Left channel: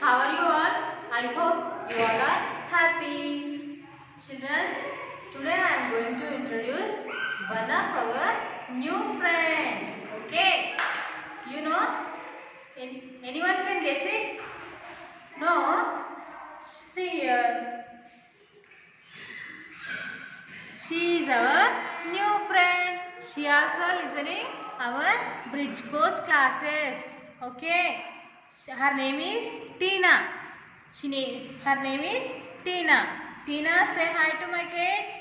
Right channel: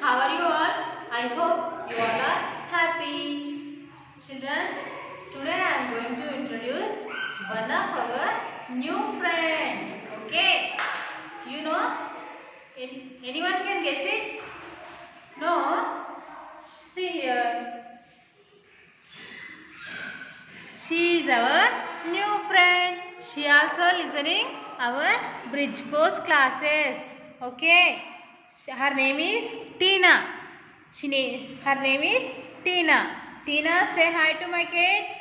how are you all? I hope you all are happy. Children, today I am going to introduce one of our new friend. Okay, you know, anyone can guess it? No? See here. She is our new friend. She also listening our bridge course classes. Okay. Her name is Tina. Her name is Tina. Tina, say hi to my kids.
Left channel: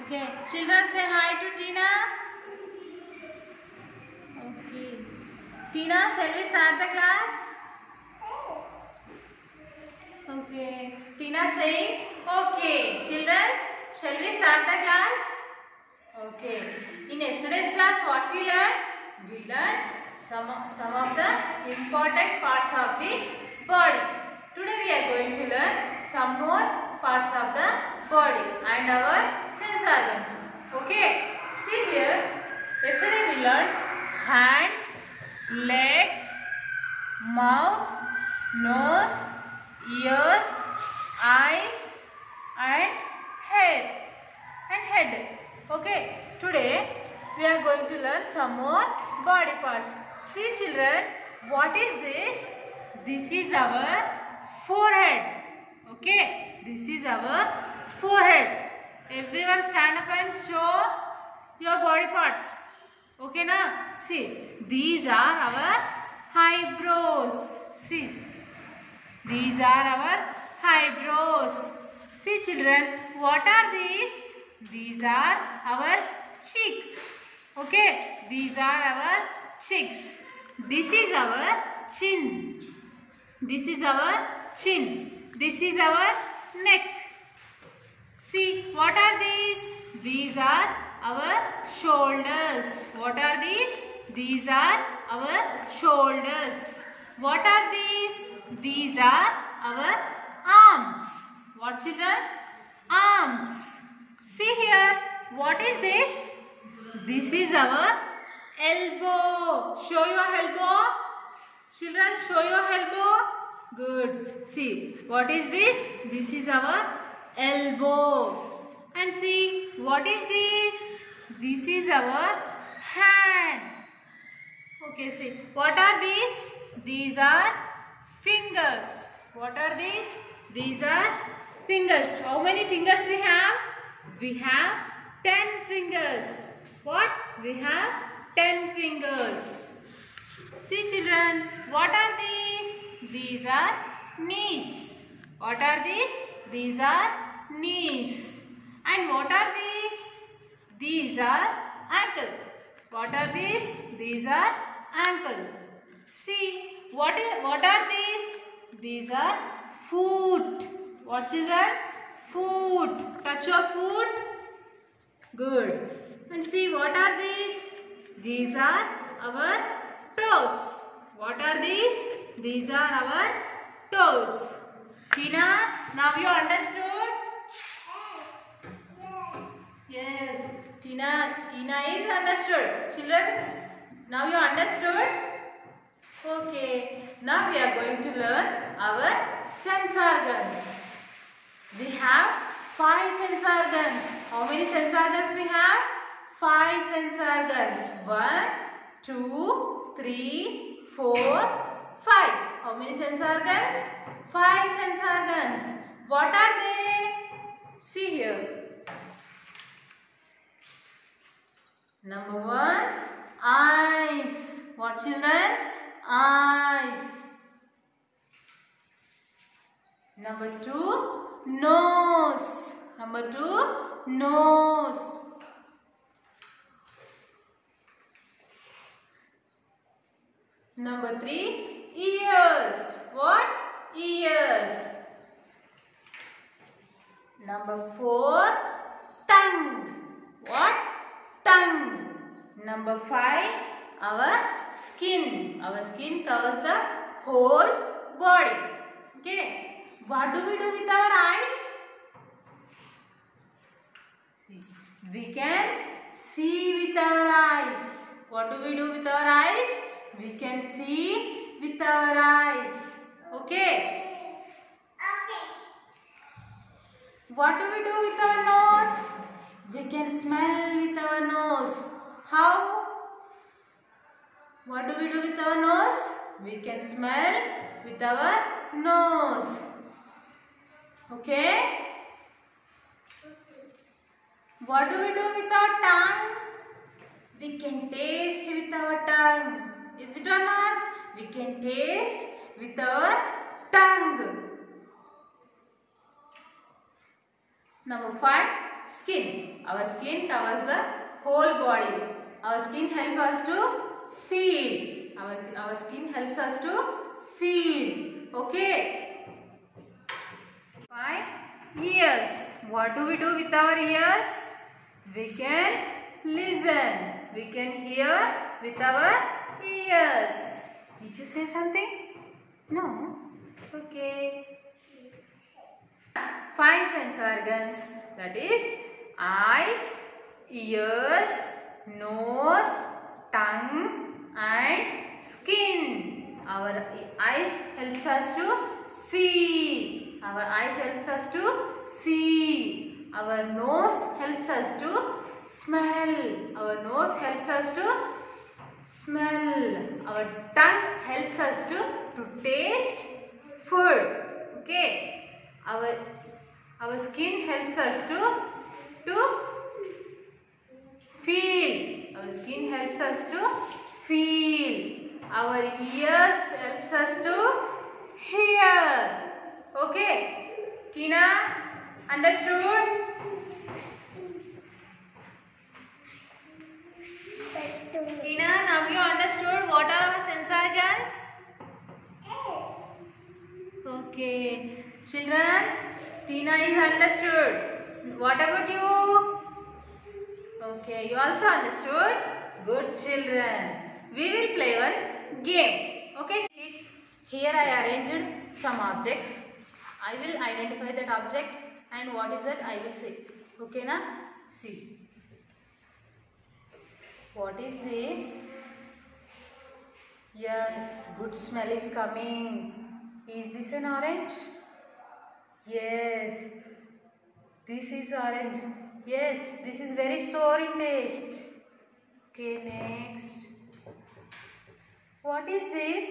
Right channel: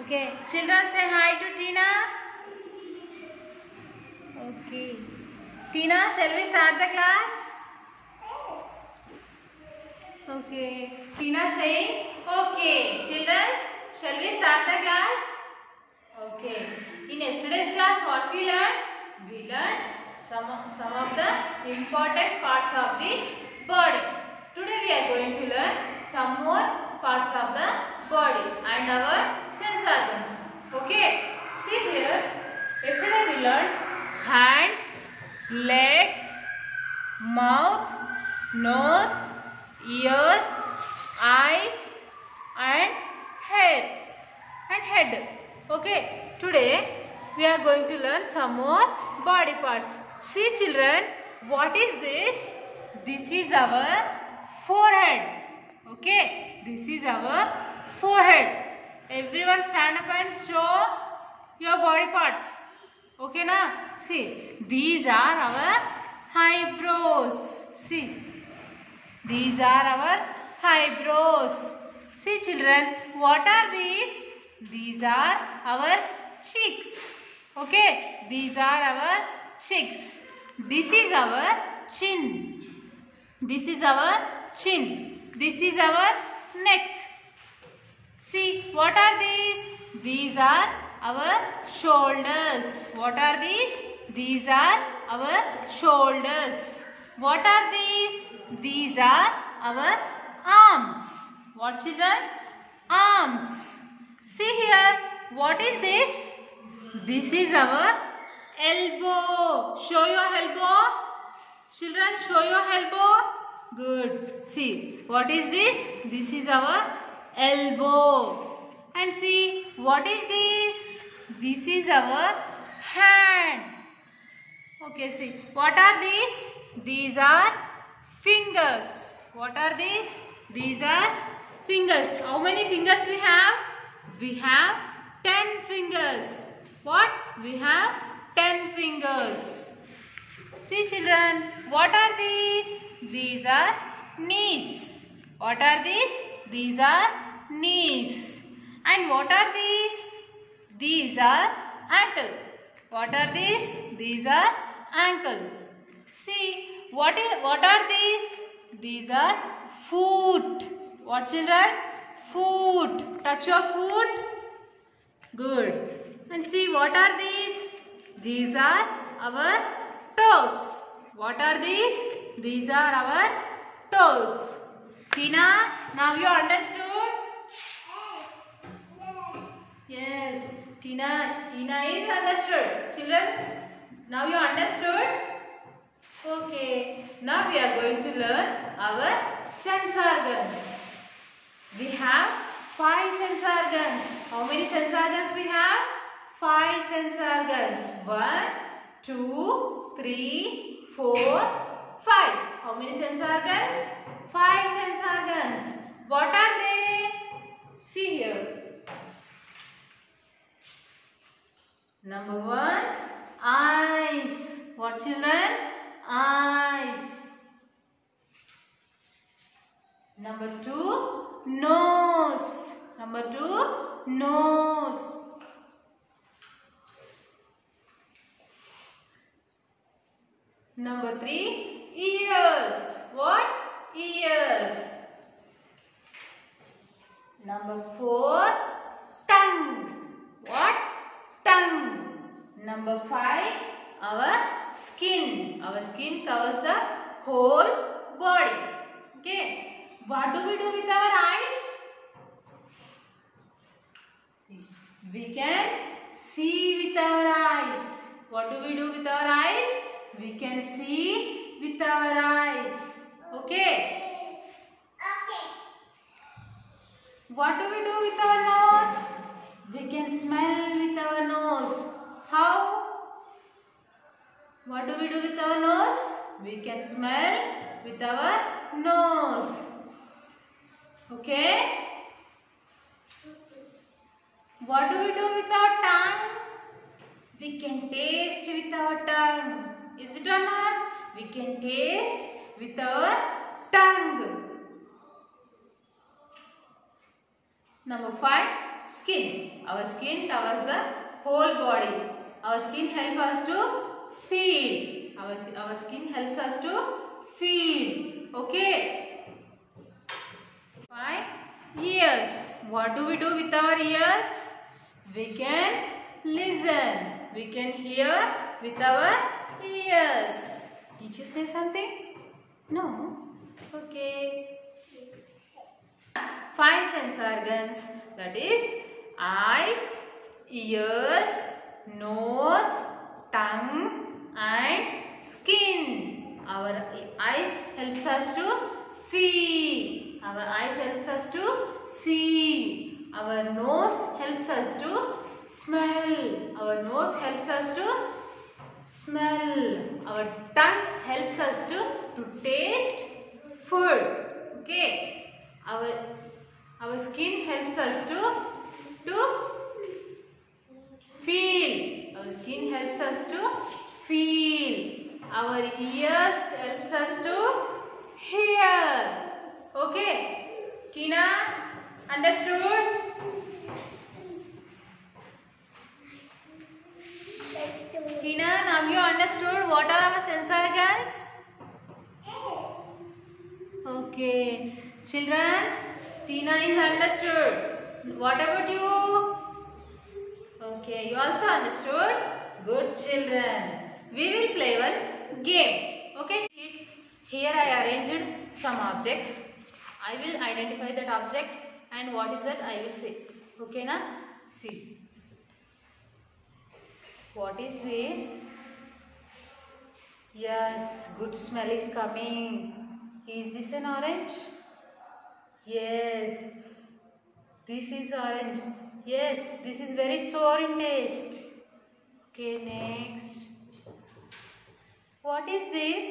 Okay. Children, say hi to Tina. Okay. Tina, shall we start the class? Okay. Tina saying, okay. Children, shall we start the class? Okay. In yesterday's class, what we learned? We learned some of the important parts of the body. Today we are going to learn some more parts of the body and our sense organs. Okay. See here. Yesterday we learned hands, legs, mouth, nose, ears, eyes and hair and head. Okay. Today we are going to learn some more body parts. See children, what is this? This is our forehead. Okay. This is our forehead. Everyone stand up and show your body parts. Okay na? See, these are our eyebrows. See, these are our eyebrows. See children, what are these? These are our cheeks. Okay, these are our cheeks. This is our chin. This is our chin. This is our neck. See, what are these? These are our shoulders. What are these? These are our shoulders. What are these? These are our arms. What children? Arms. See here. What is this? This is our elbow. Show your elbow. Children, show your elbow. Good. See, what is this? This is our elbow. And see, what is this? This is our hand. Okay, see, what are these? These are fingers. What are these? These are fingers. How many fingers we have? We have 10 fingers. What? We have 10 fingers. See children, what are these? These are knees. What are these? These are knees. And what are these? These are ankles. What are these? These are ankles. See, what are these? These are foot. What children? Foot. Touch your foot. Good. And see, what are these? These are our toes. What are these? These are our toes. Tina, now you understood? Yes. Tina is understood. Children, now you understood? Okay. Now we are going to learn our sense organs. We have 5 sense organs. How many sense organs we have? 5 sense organs. 1, 2, 3, 4, 5. How many sense organs? 5 sense organs. What are they? See here. Number 1, eyes. What children? Eyes. Number 2, nose. Number 2, nose. Number 3, ears. What? Ears. Number 4, tongue. What? Tongue. Number 5, our skin. Our skin covers the whole body. Okay. What do we do with our eyes? We can see with our eyes. What do we do with our eyes? We can see What do we do with our nose? We can smell with our nose. How? What do we do with our nose? We can smell with our nose. Okay? What do we do with our tongue? We can taste with our tongue. Is it or not? We can taste with our tongue. Number 5, skin. Our skin covers the whole body. Our skin helps us to feel. Our skin helps us to feel. Okay? 5, ears. What do we do with our ears? We can listen. We can hear with our ears. Did you say something? No? Okay. 5 sense organs, that is eyes, ears, nose, tongue and skin. Our eyes helps us to see. Our eyes helps us to see. Our nose helps us to smell. Our nose helps us to smell. Our tongue helps us to taste food. Okay. Our skin helps us to feel. Our skin helps us to feel. Our ears helps us to hear. Okay. Tina, understood? Tina, now you understood what are our sense organs? Okay. Children, Tina is understood. What about you? Okay, you also understood? Good children. We will play one game. Okay kids? Here I arranged some objects. I will identify that object and what is that I will say. Okay na? See. What is this? Yes, good smell is coming. Is this an orange? Yes, this is orange. Yes, this is very sour in taste. Okay, next. What is this?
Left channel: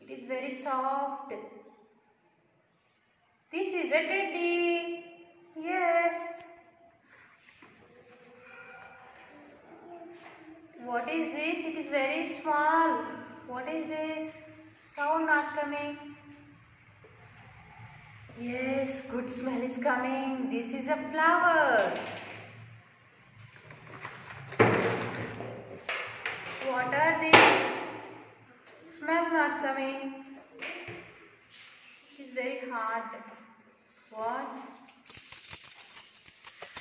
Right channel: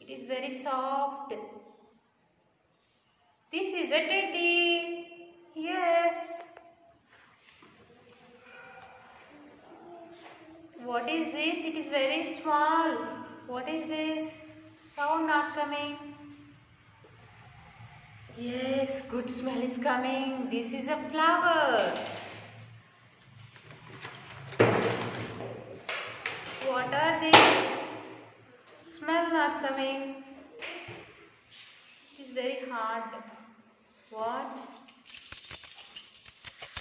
It is very soft. This is a teddy. Yes. What is this? It is very small. What is this? Sound not coming. Yes, good smell is coming. This is a flower. What are these? Smell not coming. It is very hard. What?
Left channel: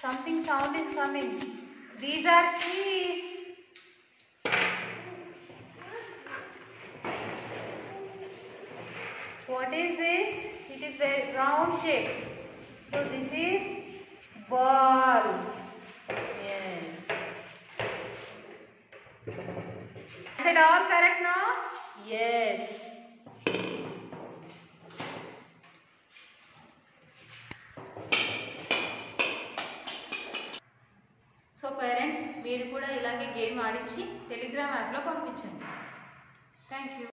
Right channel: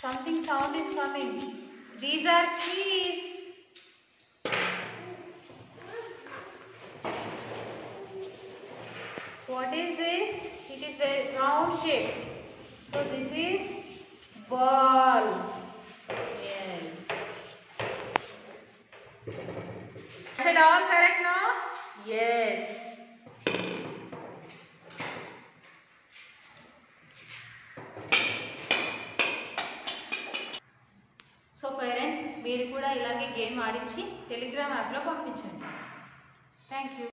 Something sound is coming. These are keys. What is this? It is very round shape. So this is ball. Yes. Is it all correct now? Yes. So parents, మీరు కూడా ఇలాగే game ఆడించి Telegram app లో పంపించండి. Thank you.